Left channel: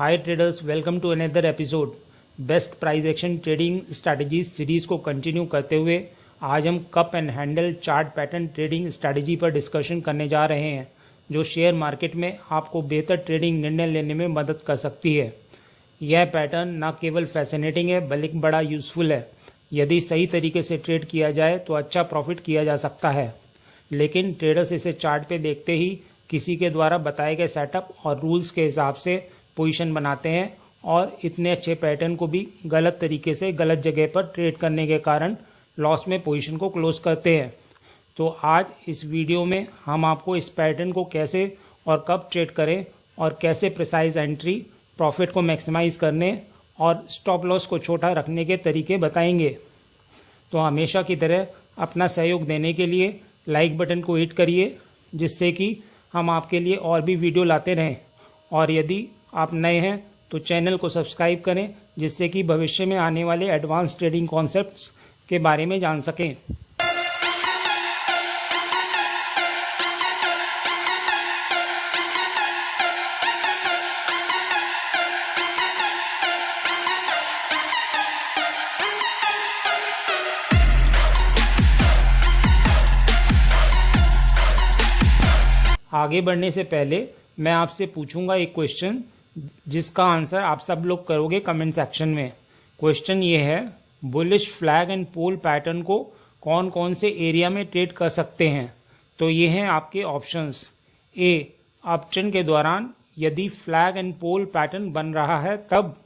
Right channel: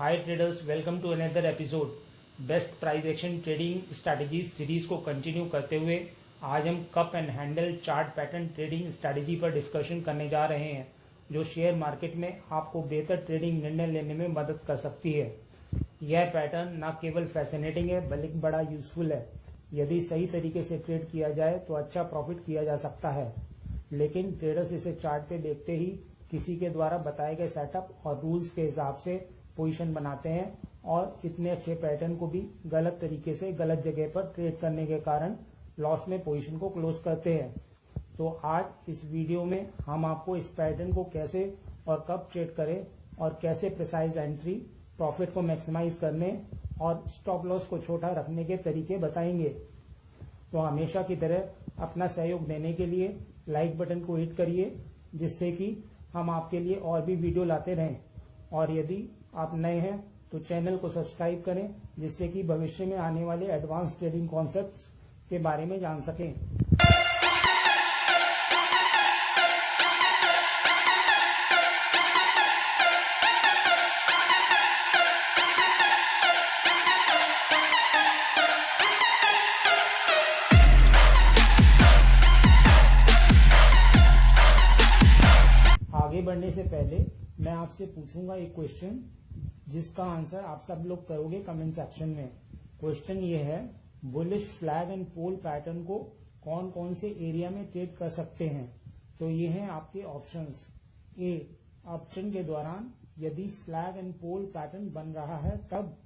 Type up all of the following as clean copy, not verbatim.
Hi traders, welcome to another episode. Best price action trading strategies series को continue करते हुए आज हम cup and handle chart pattern trading strategy पर discussion करने जा रहे हैं, जो शेयर मार्केट में आपको बेहतर ट्रेडिंग निर्णय लेने में मदद कर सकती है। यह पैटर्न न केवल फैसिनेटिंग है बल्कि बड़ा यूजफुल है। यदि सही तरीके से ट्रेड किया जाए तो अच्छा प्रॉफिट किया जा सकता है, लेकिन ट्रेडर्स इसे चार्ट पे देखते ही किसी के द्वारा बताए गए सेटअप और रूल्स के हिसाब से पोजीशन बनाते हैं और इतने अच्छे पैटर्न को भी गलत तरीके से गलत जगह पर ट्रेड करने के कारण लॉस में पोजीशन को क्लोज करते हैं। तो आज इस वीडियो में हम आपको इस पैटर्न को कैसे और कब ट्रेड करें और कैसे प्रिसाइज एंट्री, प्रॉफिट को मैक्सिमाइज करने और स्टॉप लॉस को छोटा रखने के तरीके बताएंगे। तो हमेशा की तरह अपना सहयोग देने के लिए लाइक बटन को हिट करिए, जिससे कि हम आपके लिए और भी वीडियो लाते रहें। और यदि आप नए हैं तो चैनल को सब्सक्राइब करें, जिससे कि भविष्य में आने वाले एडवांस ट्रेडिंग कॉन्सेप्ट्स के बारे में जान सकें। आगे बढ़ने से पहले मैं आपसे पूछूंगा एक क्वेश्चन, जिसका आंसर आप सब लोग करोगे कमेंट सेक्शन में। क्वेश्चन ये है, bullish flag and pole pattern को कौन कौन से एरिया में ट्रेड कर सकते हैं। तो ये हैं आपके ऑप्शंस। ए, अपट्रेंड के दौरान यदि फ्लैग एंड पोल पैटर्न बन रहा है तब।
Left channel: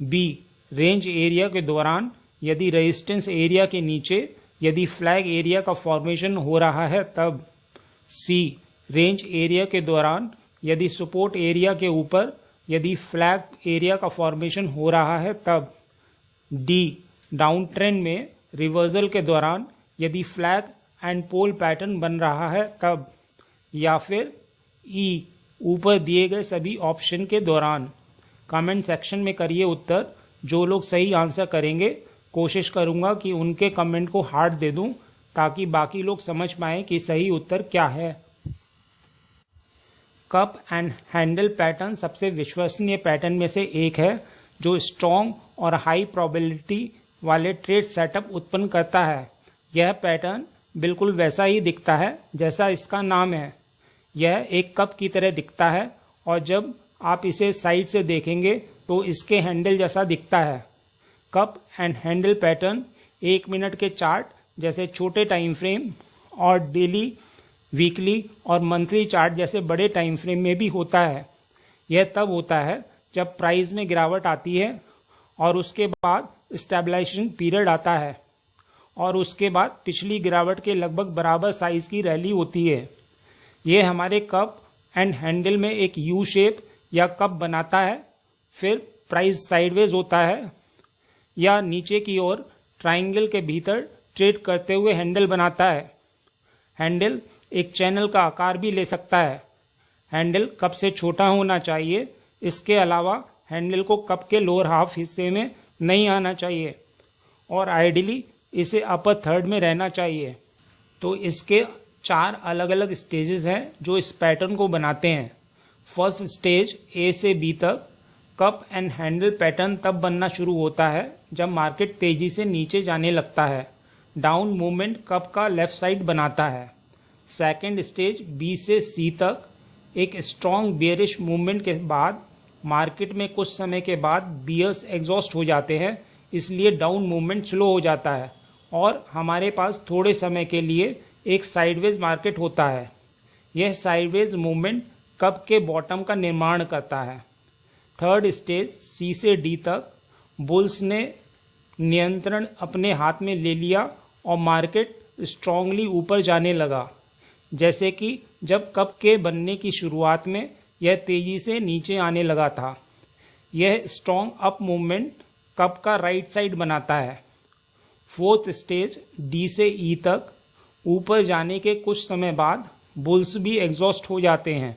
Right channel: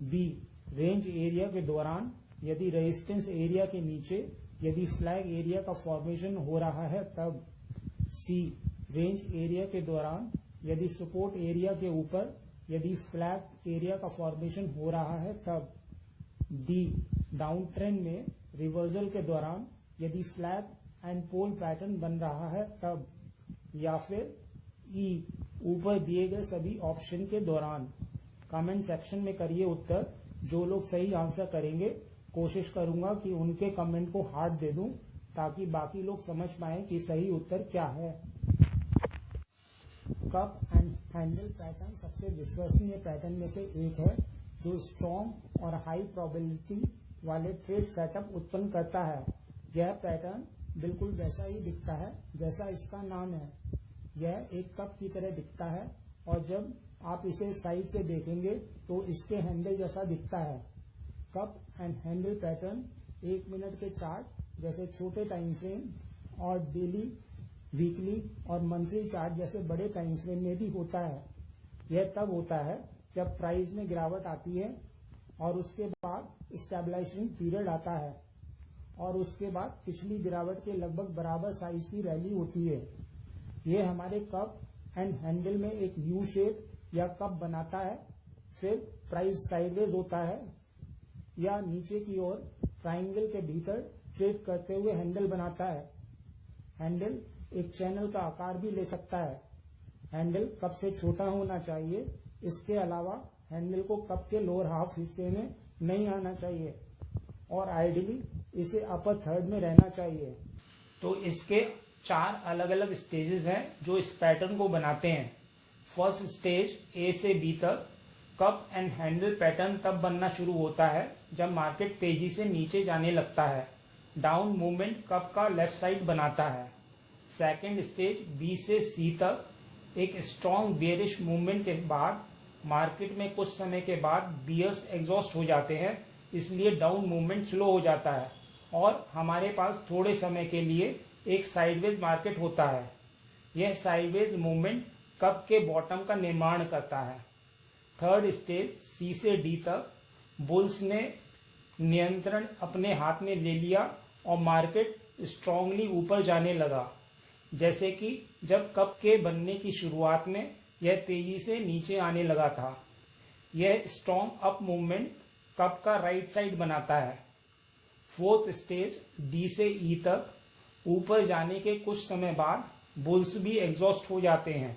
बी, रेंज एरिया के दौरान यदि रेजिस्टेंस एरिया के नीचे यदि फ्लैग एरिया का फॉर्मेशन हो रहा है तब। सी, रेंज एरिया के दौरान यदि सपोर्ट एरिया के ऊपर यदि फ्लैग एरिया का फॉर्मेशन हो रहा है तब। डी, डाउन ट्रेंड में रिवर्सल के दौरान यदि फ्लैग एंड पोल पैटर्न बन रहा है तब। या फिर ई, ऊपर दिए गए सभी ऑप्शन के दौरान। कमेंट सेक्शन में करिए उत्तर। जो लोग सही आंसर करेंगे कोशिश करूंगा कि उनके कमेंट को हार्ट दे दूं, ताकि बाकी लोग समझ पाएं कि सही उत्तर क्या है। कप एंड हैंडल पैटर्न सबसे विश्वसनीय पैटर्न में से एक है, जो स्ट्रॉन्ग और हाई प्रोबेबिलिटी वाले ट्रेड सेटअप उत्पन्न करता है। यह पैटर्न बिल्कुल वैसा ही दिखता है जैसा इसका नाम है। यह एक कप की तरह दिखता है और जब आप इसे साइड से देखेंगे तो इसके हैंडल जैसा दिखता है। Cup and handle pattern 1 minute के चार्ट जैसे छोटे टाइम फ्रेम और डेली, वीकली और मंथली चार्ट जैसे बड़े टाइम फ्रेम में भी होता है। यह तब होता है जब प्राइस में गिरावट आती है और उसके बाद स्टेबलाइजेशन पीरियड आता है और उसके बाद पिछली गिरावट के लगभग बराबर साइज की रैली होती है। यह हमारे कप एंड हैंडल में एक यू शेप या कप बनाता है, फिर प्राइस साइडवेज होता है या नीचे की ओर ट्राइंगल के भीतर ट्रेड करते हुए हैंडल बनाता है। हैंडल एक चैनल का आकार भी ले सकता है। हैंडल कप से छोटा होना चाहिए। इसके अलावा हैंडल को कप के लोअर हाफ हिस्से में नहीं आना चाहिए और आइडियली इसे अपर थर्ड में रहना चाहिए। तो इसके 4 अलग अलग स्टेजेस हैं जो इस पैटर्न को बनाते हैं। फर्स्ट स्टेज ए से बी तक कप एंड हैंडल पैटर्न तब बनना शुरू होता है जब मार्केट तेजी से नीचे जाने लगता है। डाउन मूवमेंट कप का लेफ्ट साइड बनाता है। सेकेंड स्टेज बी से सी तक एक स्ट्रॉन्ग बेयरिश मूवमेंट के बाद मार्केट में कुछ समय के बाद बियर्स एग्जॉस्ट हो जाते हैं, इसलिए डाउन मूवमेंट स्लो हो जाता है और हमारे पास थोड़े समय के लिए एक साइडवेज मार्केट होता है। यह साइडवेज मूवमेंट कप के बॉटम का निर्माण करता है। थर्ड स्टेज सी से डी तक बुल्स ने नियंत्रण अपने हाथ में ले लिया और मार्केट स्ट्रांगली ऊपर जाने लगा, जैसे कि जब कप के बनने की शुरुआत में यह तेजी से नीचे आने लगा था। यह स्ट्रॉन्ग अप मूवमेंट कप का राइट साइड बनाता है। फोर्थ स्टेज डी से ई तक ऊपर जाने के कुछ समय बाद बुल्स भी एग्जॉस्ट हो जाते हैं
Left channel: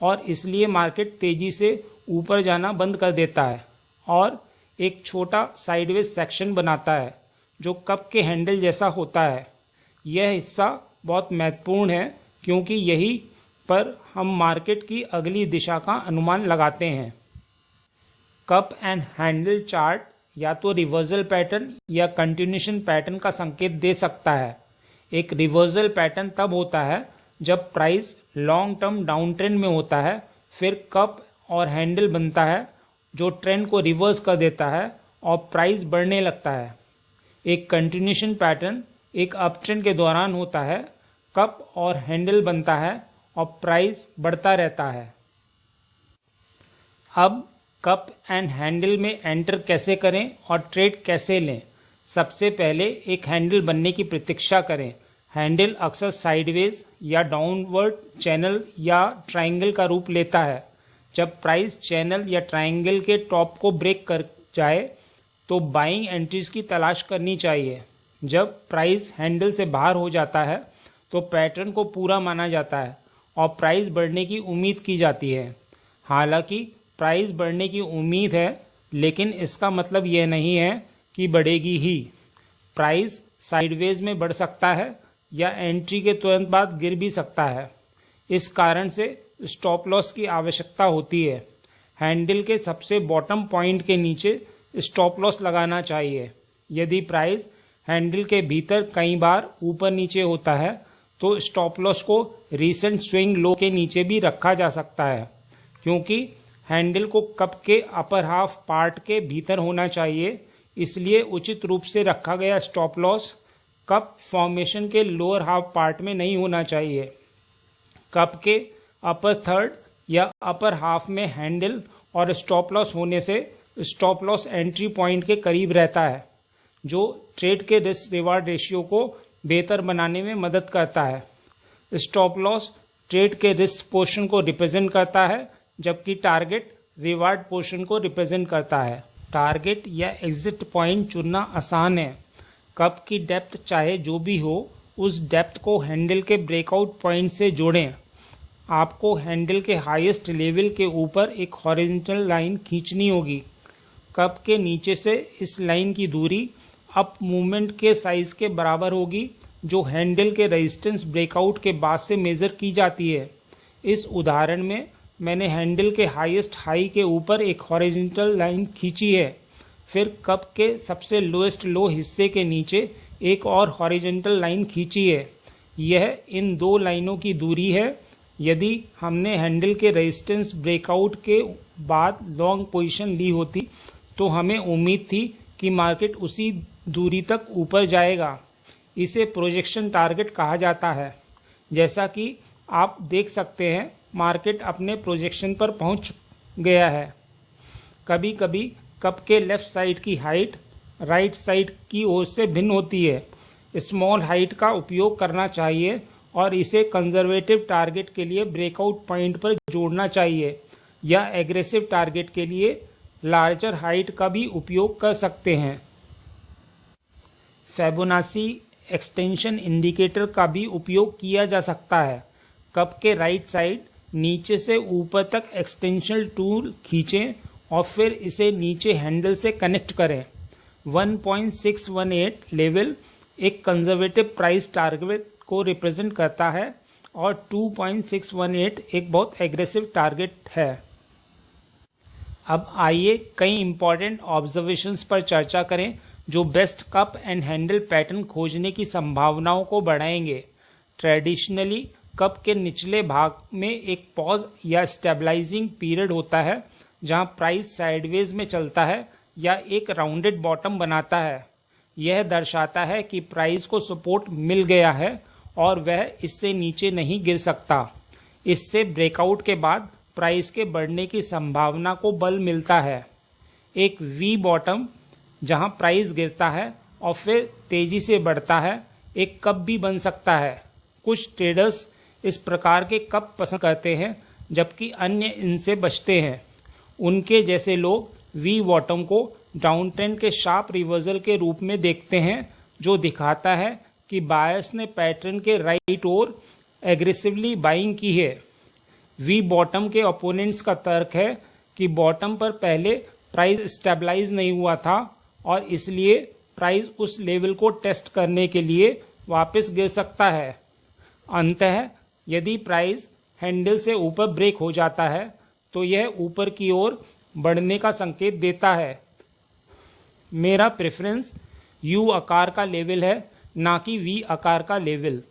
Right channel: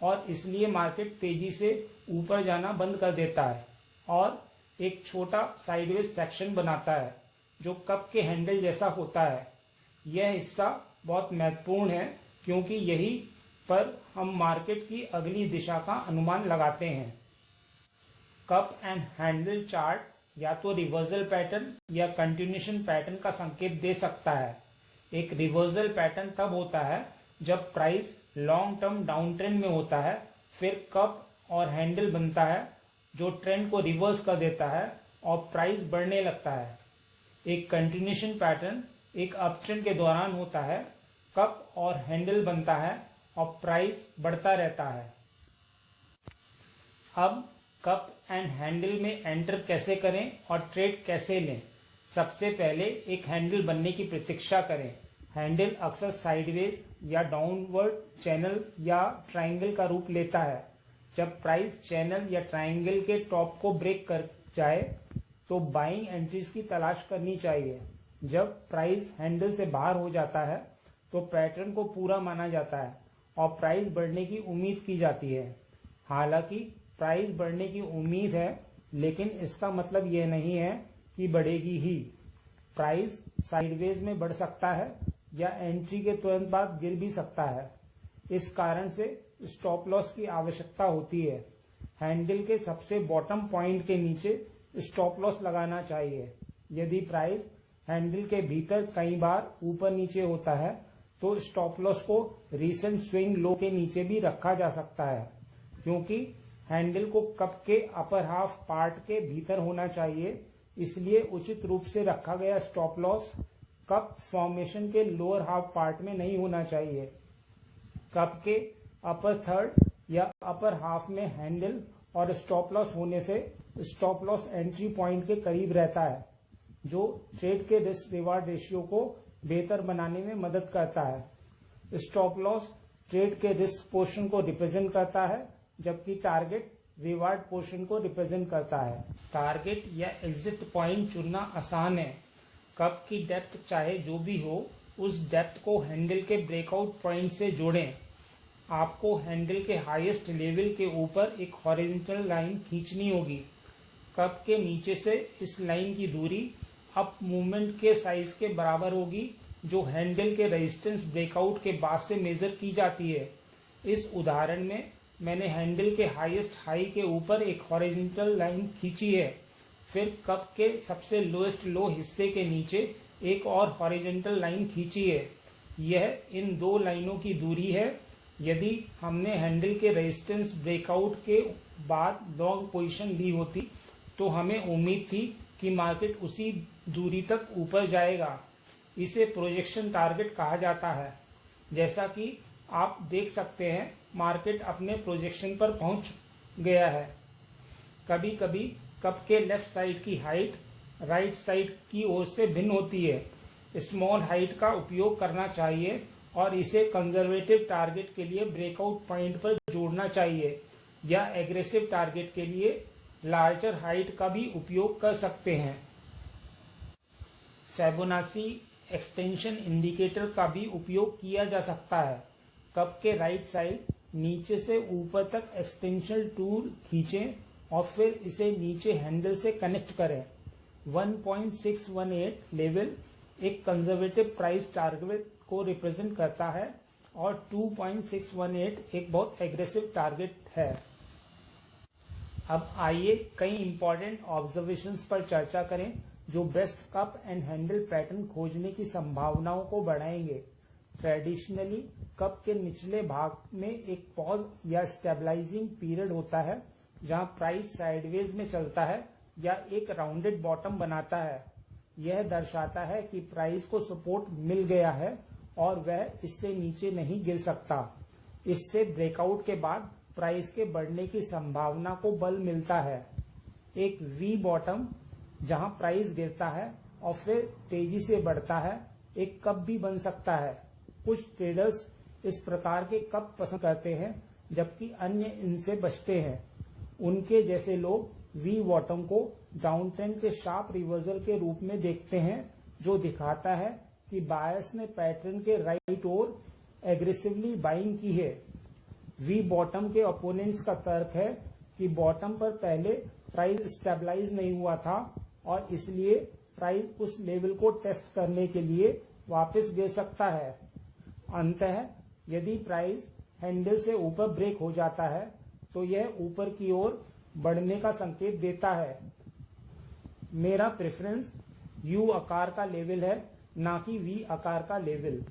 और इसलिए मार्केट तेजी से ऊपर जाना बंद कर देता है और एक छोटा साइडवेज सेक्शन बनाता है जो कप के हैंडल जैसा होता है। यह हिस्सा बहुत महत्वपूर्ण है क्योंकि यही पर हम मार्केट की अगली दिशा का अनुमान लगाते हैं। कप एंड हैंडल चार्ट या तो रिवर्सल पैटर्न या कंटिन्यूशन पैटर्न का संकेत दे सकता है। एक रिवर्सल पैटर्न तब होता है जब price long term down trend में होता है, फिर कप और हैंडल बनता है जो ट्रेंड को रिवर्स कर देता है और प्राइस बढ़ने लगता है। एक कंटिन्यूशन पैटर्न एक अप ट्रेंड के दौरान होता है, कप और हैंडल बनता है और प्राइस बढ़ता रहता है। अब कप एंड हैंडल में एंटर कैसे करें और ट्रेड कैसे लें? सबसे पहले एक हैंडल बनने की प्रतीक्षा करें। हैंडल अक्सर साइडवेज या डाउनवर्ड चैनल या ट्रायंगल का रूप लेता है। जब प्राइस चैनल या ट्रायंगल के टॉप को ब्रेक कर जाए तो बाइंग एंट्रीज की तलाश करनी चाहिए। जब प्राइस हैंडल से बाहर हो जाता है तो पैटर्न को पूरा माना जाता है और प्राइस बढ़ने की उम्मीद की जाती है। हालांकि प्राइस बढ़ने की उम्मीद है, लेकिन इसका मतलब यह नहीं है कि बढ़ेगी ही। प्राइस साइडवेज में बढ़ सकता है या एंट्री के तुरंत बाद गिर भी सकता है। इस कारण से स्टॉप लॉस की आवश्यकता होती है। हैंडल के सबसे बॉटम पॉइंट के नीचे स्टॉप लॉस लगाना चाहिए। यदि प्राइस हैंडल के भीतर कई बार ऊपर नीचे होता है तो स्टॉप लॉस को रीसेंट स्विंग लो के नीचे भी रखा जा सकता है, क्योंकि हैंडल को कप के अपर हाफ पार्ट के भीतर होना चाहिए। इसलिए उचित रूप से रखा गया स्टॉप लॉस कप फॉर्मेशन के लोअर हाफ पार्ट में नहीं होना चाहिए। कप के अपर थर्ड या अपर हाफ में हैंडल और स्टॉप लॉस होने से स्टॉप लॉस एंट्री पॉइंट के करीब रहता है, जो ट्रेड के रिस्क रिवार्ड रेशियो को बेहतर बनाने में मदद करता है। स्टॉप लॉस ट्रेड के रिस्क पोर्शन को रिप्रेजेंट करता है, जबकि टारगेट रिवार्ड पोर्शन को रिप्रेजेंट करता है। टारगेट या एग्जिट पॉइंट चुनना आसान है। कप की डेप्थ चाहे जो भी हो, उस डेप्थ को हैंडल के ब्रेकआउट पॉइंट से जोड़ें। आपको हैंडल के हाईएस्ट लेवल के ऊपर एक हॉरिजॉन्टल लाइन खींचनी होगी। कप के नीचे से इस लाइन की दूरी अप मूवमेंट के साइज के बराबर होगी, जो हैंडल के रेजिस्टेंस ब्रेकआउट के बाद से मेजर की जाती है। इस उदाहरण में मैंने हैंडल के हाईएस्ट हाई के ऊपर एक हॉरिजॉन्टल लाइन खींची है, फिर कप के सबसे लोएस्ट लो हिस्से के नीचे एक और हॉरिजॉन्टल लाइन खींची है। यह इन दो लाइनों की दूरी है। यदि हमने हैंडल के रेजिस्टेंस ब्रेकआउट के बाद लॉन्ग पोजीशन ली होती तो हमें उम्मीद थी कि मार्केट उसी दूरी तक ऊपर जाएगा। इसे प्रोजेक्शन टारगेट कहा जाता है। जैसा कि आप देख सकते हैं, मार्केट अपने प्रोजेक्शन पर पहुंच गया है। कभी कभी कप के लेफ्ट साइड की हाइट राइट साइड की ओर से भिन्न होती है। स्मॉल हाइट का उपयोग करना चाहिए और इसे कंजर्वेटिव टारगेट के लिए ब्रेकआउट पॉइंट पर जोड़ना चाहिए, या एग्रेसिव टारगेट के लिए लार्जर हाइट का भी उपयोग कर सकते हैं। फिबोनाची एक्सटेंशन इंडिकेटर का भी उपयोग किया जा सकता है। कप के राइट साइड नीचे से ऊपर तक एक्सटेंशन टूल खींचें और फिर इसे नीचे हैंडल से कनेक्ट करें। 1.618 लेवल एक कंजर्वेटिव प्राइस टारगेट को रिप्रेजेंट करता है और 2.618 एक बहुत एग्रेसिव टारगेट है। अब आइए कई इंपॉर्टेंट ऑब्जर्वेशंस पर चर्चा करें जो best cup and handle pattern खोजने की संभावनाओं को बढ़ाएंगे। ट्रेडिशनली कप के निचले भाग में एक पॉज या स्टेबलाइजिंग पीरियड होता है, जहां प्राइस साइडवेज में चलता है या एक राउंडेड बॉटम बनाता है। यह दर्शाता है कि प्राइस को सपोर्ट मिल गया है और वह इससे नीचे नहीं गिर सकता। इससे ब्रेकआउट के बाद प्राइस के बढ़ने की संभावना को बल मिलता है। एक वी बॉटम जहां प्राइस गिरता है और फिर तेजी से बढ़ता है, एक कप भी बन सकता है। कुछ ट्रेडर्स इस प्रकार के कप पसंद करते हैं, जबकि अन्य इनसे बचते हैं। उनके जैसे लोग वी बॉटम को डाउन ट्रेंड के शार्प रिवर्सल के रूप में देखते हैं, जो दिखाता है कि बायर्स ने पैटर्न के राइट ओर एग्रेसिवली बाइंग की है। वी बॉटम के ओपोनेंट्स का तर्क है कि बॉटम पर पहले प्राइस स्टेबलाइज नहीं हुआ था और इसलिए प्राइस उस लेवल को टेस्ट करने के लिए वापस गिर सकता है। अंततः यदि प्राइस हैंडल से ऊपर ब्रेक हो जाता है तो यह ऊपर की ओर बढ़ने का संकेत देता है। मेरा प्रेफरेंस यू आकार का लेवल है, ना कि वी आकार का लेवल।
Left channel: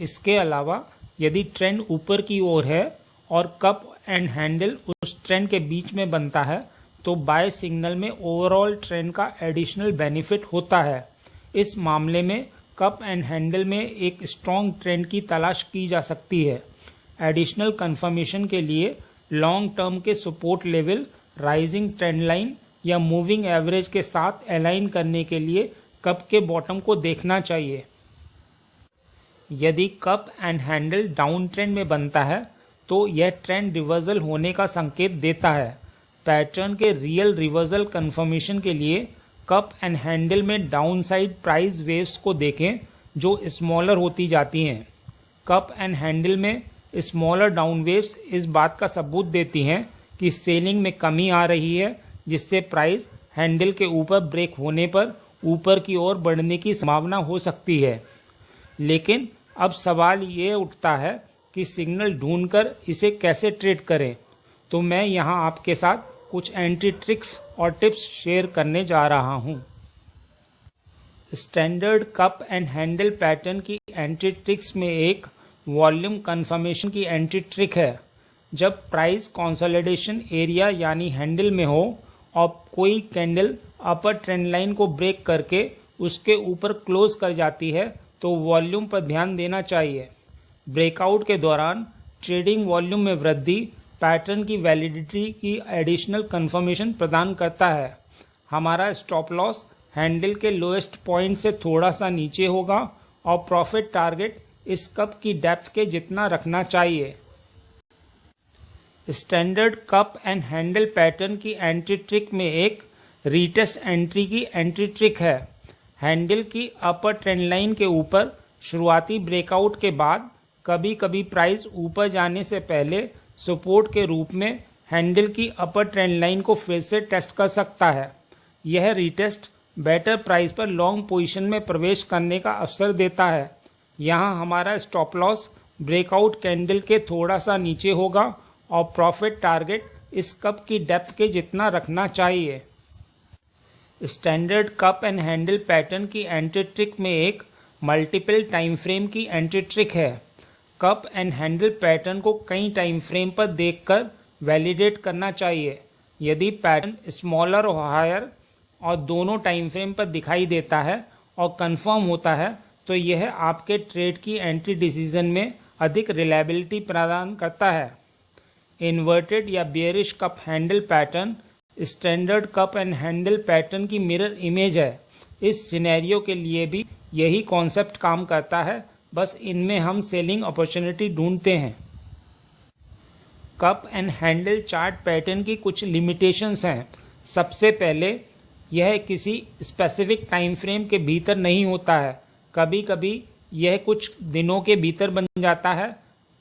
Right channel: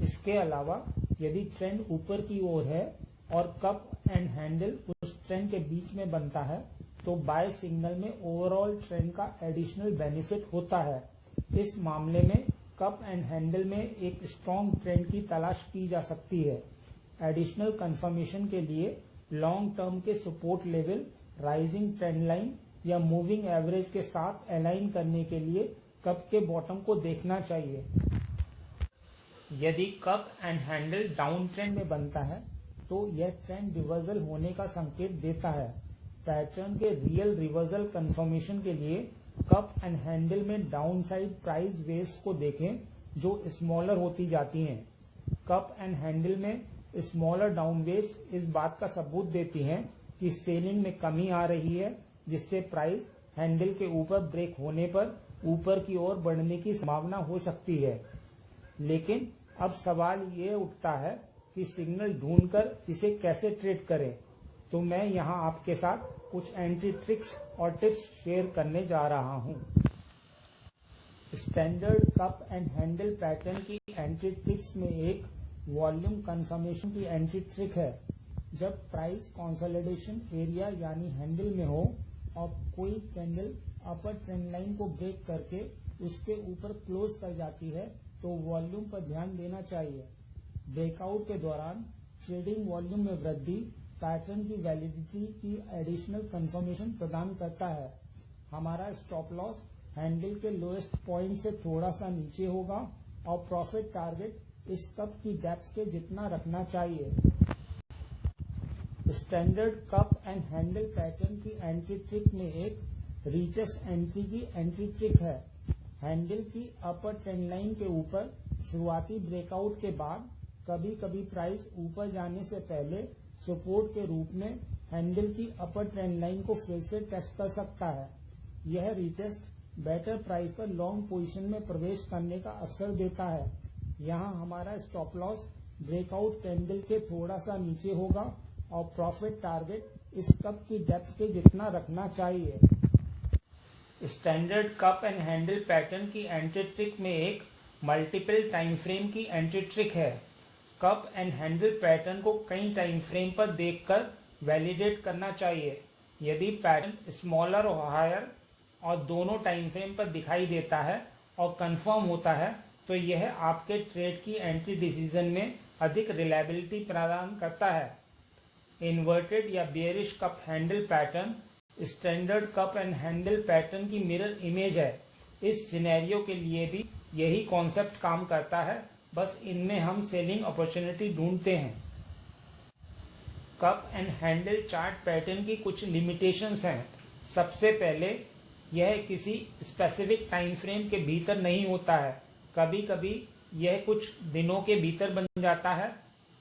इसके अलावा यदि ट्रेंड ऊपर की ओर है और कप एंड हैंडल उस ट्रेंड के बीच में बनता है तो बाय सिग्नल में ओवरऑल ट्रेंड का एडिशनल बेनिफिट होता है। इस मामले में कप एंड हैंडल में एक स्ट्रॉन्ग ट्रेंड की तलाश की जा सकती है। एडिशनल कंफर्मेशन के लिए लॉन्ग टर्म के support level, rising trend line या मूविंग एवरेज के साथ अलाइन करने के लिए कप के बॉटम को देखना चाहिए। यदि cup and handle down trend में बनता है तो यह ट्रेंड रिवर्सल होने का संकेत देता है। पैटर्न के रियल रिवर्सल कंफर्मेशन के लिए कप एंड हैंडल में डाउन साइड प्राइस वेव्स को देखें जो स्मॉलर होती जाती हैं। कप एंड हैंडल में स्मॉलर डाउन वेव्स इस बात का सबूत देती हैं कि सेलिंग में कमी आ रही है, जिससे प्राइस हैंडल के ऊपर ब्रेक होने पर ऊपर की ओर बढ़ने की संभावना हो सकती है। लेकिन अब सवाल ये उठता है कि सिग्नल ढूंढकर इसे कैसे ट्रेड करें। तो मैं यहाँ आपके साथ कुछ एंट्री ट्रिक्स और टिप्स शेयर करने जा रहा हूँ। Standard cup and handle pattern की एंट्री ट्रिक्स में एक वॉल्यूम कंफर्मेशन की एंट्री ट्रिक है। जब प्राइस कंसोलिडेशन एरिया यानी हैंडल में हो और कोई कैंडल अपर ट्रेंड लाइन को ब्रेक करके उसके ऊपर क्लोज कर जाती है तो वॉल्यूम पर ध्यान देना चाहिए। ब्रेकआउट के दौरान ट्रेडिंग वॉल्यूम में वृद्धि पैटर्न की वैलिडिटी की एडिशनल कंफर्मेशन प्रदान करता है। हमारा स्टॉप लॉस हैंडल के लोएस्ट पॉइंट से थोड़ा सा नीचे होगा और प्रॉफिट टारगेट इस कप की डेप्थ के जितना रखना चाहिए। Standard cup and handle pattern की एंट्री ट्रिक में एक रीटेस्ट एंट्री की एंट्री ट्रिक है। हैंडल की अपर ट्रेंड लाइन के ऊपर शुरुआती ब्रेकआउट के बाद कभी कभी प्राइस ऊपर जाने से पहले सपोर्ट के रूप में हैंडल की अपर ट्रेंड लाइन को फिर से टेस्ट कर सकता है। यह रीटेस्ट बेटर प्राइस पर लॉन्ग पोजीशन में प्रवेश करने का अवसर देता है। यहाँ हमारा स्टॉप लॉस ब्रेकआउट कैंडल के थोड़ा सा नीचे होगा और प्रॉफिट टारगेट इस कप की डेप्थ के जितना रखना चाहिए। Standard cup and handle pattern की एंट्री ट्रिक में एक मल्टीपल टाइम फ्रेम की एंट्री ट्रिक है। कप एंड हैंडल पैटर्न को कई टाइम फ्रेम पर देखकर वैलिडेट करना चाहिए। यदि पैटर्न स्मॉलर और हायर और दोनों टाइम फ्रेम पर दिखाई देता है और कंफर्म होता है तो यह आपके ट्रेड की एंट्री डिसीजन में अधिक रिलायबिलिटी प्रदान करता है। इन्वर्टेड या bearish cup handle pattern standard cup and handle pattern की मिरर इमेज है। इस सिनेरियो के लिए भी यही कॉन्सेप्ट काम करता है, बस इनमें हम सेलिंग अपॉर्चुनिटी ढूंढते हैं। Cup and handle chart pattern की कुछ लिमिटेशंस हैं। सबसे पहले यह किसी स्पेसिफिक टाइम फ्रेम के भीतर नहीं होता है। कभी कभी यह कुछ दिनों के भीतर बन जाता है,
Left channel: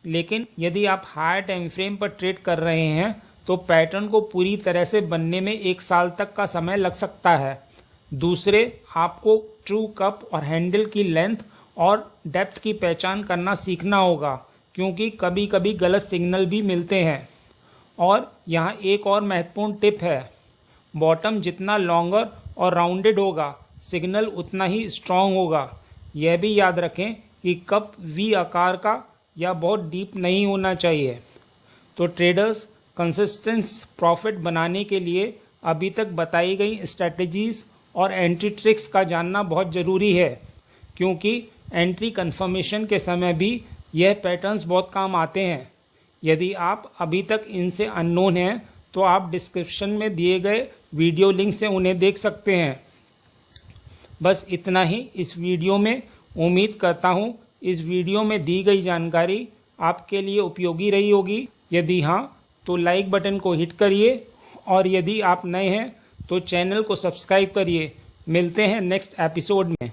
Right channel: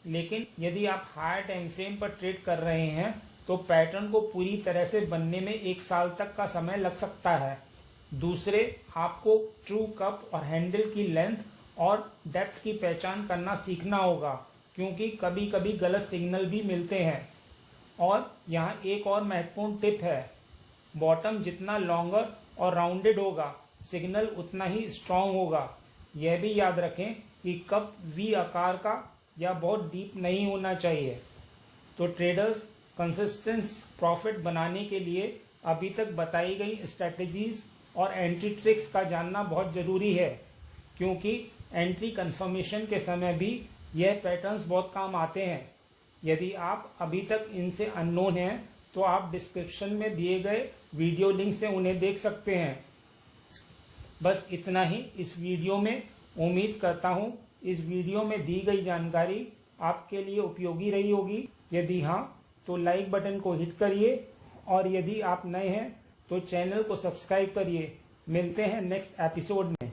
लेकिन यदि आप हायर टाइम फ्रेम पर ट्रेड कर रहे हैं तो पैटर्न को पूरी तरह से बनने में 1 साल तक का समय लग सकता है। दूसरे, आपको ट्रू कप और हैंडल की लेंथ और डेप्थ की पहचान करना सीखना होगा, क्योंकि कभी कभी गलत सिग्नल भी मिलते हैं। और यहाँ एक और महत्वपूर्ण टिप है, बॉटम जितना लॉन्गर और राउंडेड होगा सिग्नल उतना ही स्ट्रॉन्ग होगा। यह भी याद रखें कि कप वी आकार का या बहुत डीप नहीं होना चाहिए। तो ट्रेडर्स, कंसिस्टेंट प्रॉफिट बनाने के लिए अभी तक बताई गई स्ट्रेटजीज और एंट्री ट्रिक्स का जानना बहुत ज़रूरी है, क्योंकि एंट्री कंफर्मेशन के समय भी यह पैटर्न्स बहुत काम आते हैं। यदि आप अभी तक इनसे अननोन हैं तो आप डिस्क्रिप्शन में दिए गए वीडियो लिंक से उन्हें देख सकते हैं। बस इतना ही इस वीडियो में। उम्मीद करता हूँ इस वीडियो में दी गई जानकारी आपके लिए उपयोगी रही होगी। यदि हाँ तो लाइक बटन को हिट करिए और यदि आप नए हैं तो चैनल को सब्सक्राइब करिए। मिलते हैं नेक्स्ट एपिसोड में।